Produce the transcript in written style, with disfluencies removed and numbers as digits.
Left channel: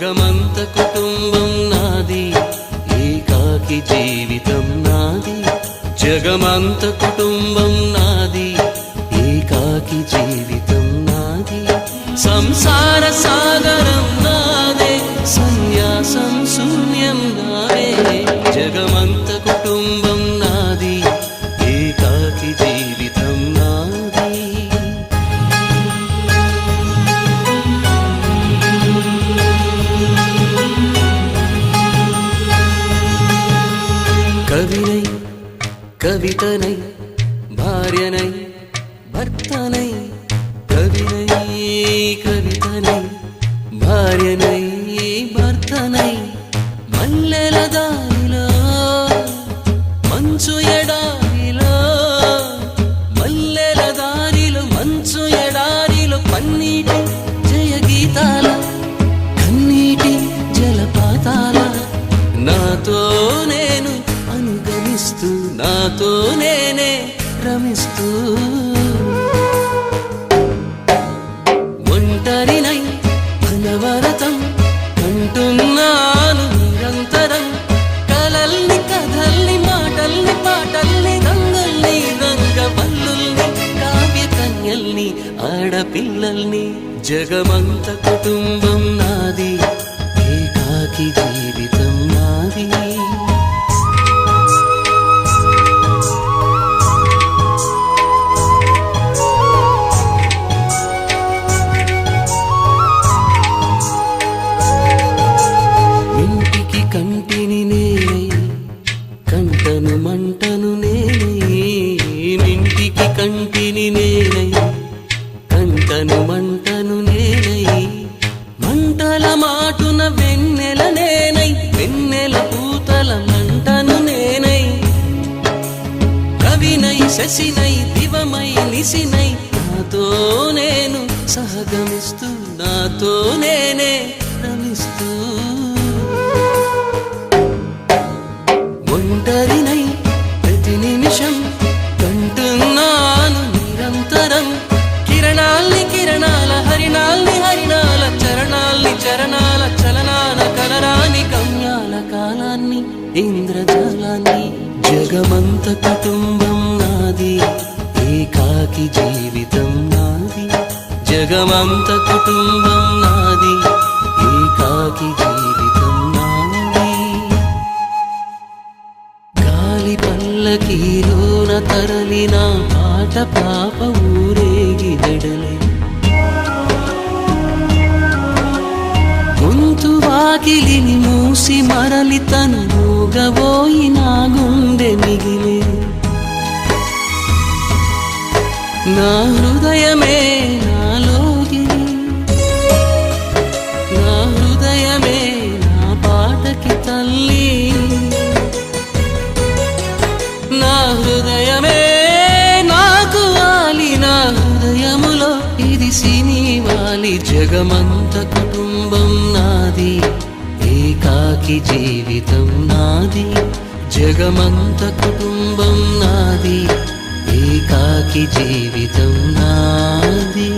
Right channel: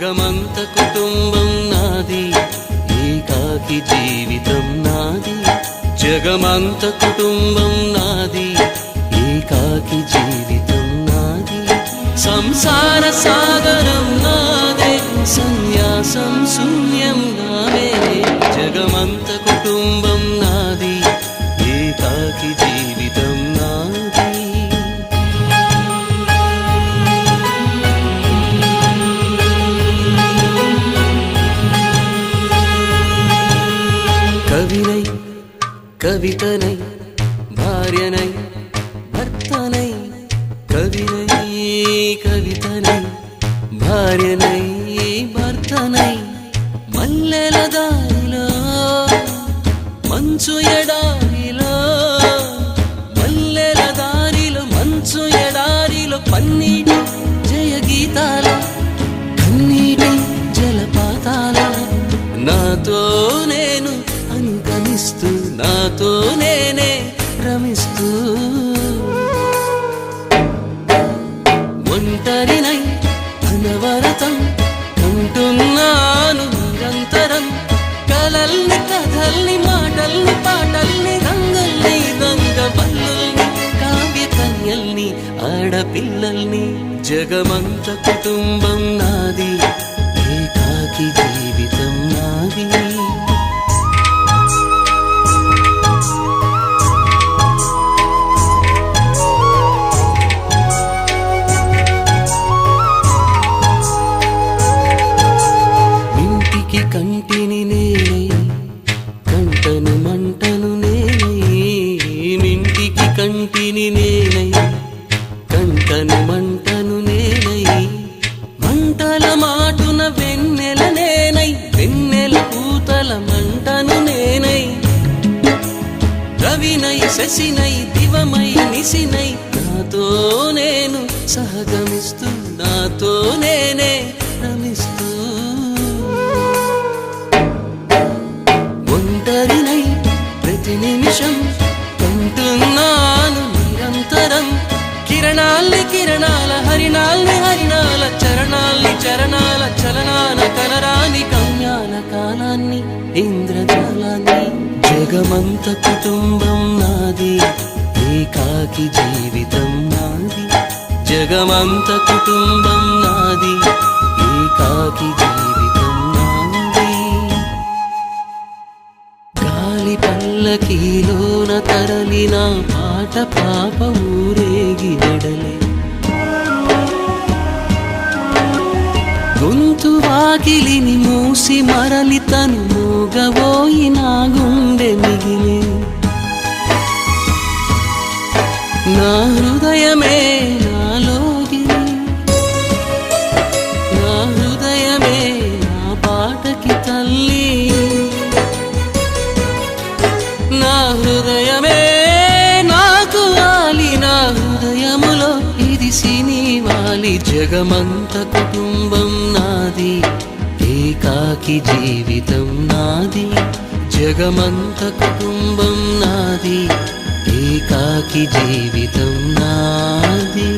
జగమంత కుటుంబం నాది, ఏకాకి జీవితం నాది. జగమంత కుటుంబం నాది, ఏకాకి జీవితం నాది. సంసార సాగరం నాదే, సన్యాసం శూన్యం నావే. జగమంత కుటుంబం నాది, ఏకాకి జీవితం నాది. కవినై కవితనై భార్యనై భర్తనై, కవినై కవితనై భార్యనై భర్తనై. మల్లెల దారిలో మంచు ఎడారిలో, మల్లెల దారిలో మంచు ఎడారిలో, పన్నీటి జయ గీతాల కన్నీటి జలపాతాల. నాతో నేను అనుగమిస్తూ, నాతో నేనే రమిస్తూ, ఒంటరినై అనవరతం కంటున్నాను నిరంతరం. కలల్ని కథల్ని మాటల్ని పాటల్ని, రంగుల్ని రంగవల్లుల్ని, కావ్య కన్యల్ని ఆడపిల్లల్ని. జగమంత కుటుంబం నాది, ఏకాకి జీవితం నాది. మింటికి కంటిని నేనై, కంటను మంటను నేనై. మింటికి కంటిని నేనై, కంటను మంటను నేనై. మంటల మాటున వెన్నెల నేనై, వెన్నెల పూతల మంటను నేనై. రవినై శశినై దివమై నిశినై, నాతో నేను సహగమిస్తూ, నాతో నేనే రమిస్తూ. ఒంటరినై ప్రతి నిమిషం కంటున్నాను నిరంతరం. కిరణాల్ని కిరణాల, హరిణాల్ని హరిణాల, చరణాల్ని చరణాల చలనాన, కనరాని గమ్యాల కాలాన్ని ఇంద్రజాలాన్ని. జగమంత కుటుంబం నాది, ఏకాకి జీవితం నాది. జగమంత కుటుంబం నాది, ఏకాకి జీవితం నాది. గాలి పల్లకీలోన తరలిన పాట పాప ఊరేగి వెడలే. గొంతు వాకిలిని మూసి మరలి తను మూగబోయి నా గుండె మిగిలే. నా హృదయమే నాలోగిలి, నా హృదయమే నా పాటకి తల్లి. నా హృదయమే నాకు వాలి, నా హృదయములో ఇది సినివాలి. జగమంత కుటుంబం నాది, ఏకాకి జీవితం నాది. జగమంత కుటుంబం నాది, ఏకాకి జీవితం నాది.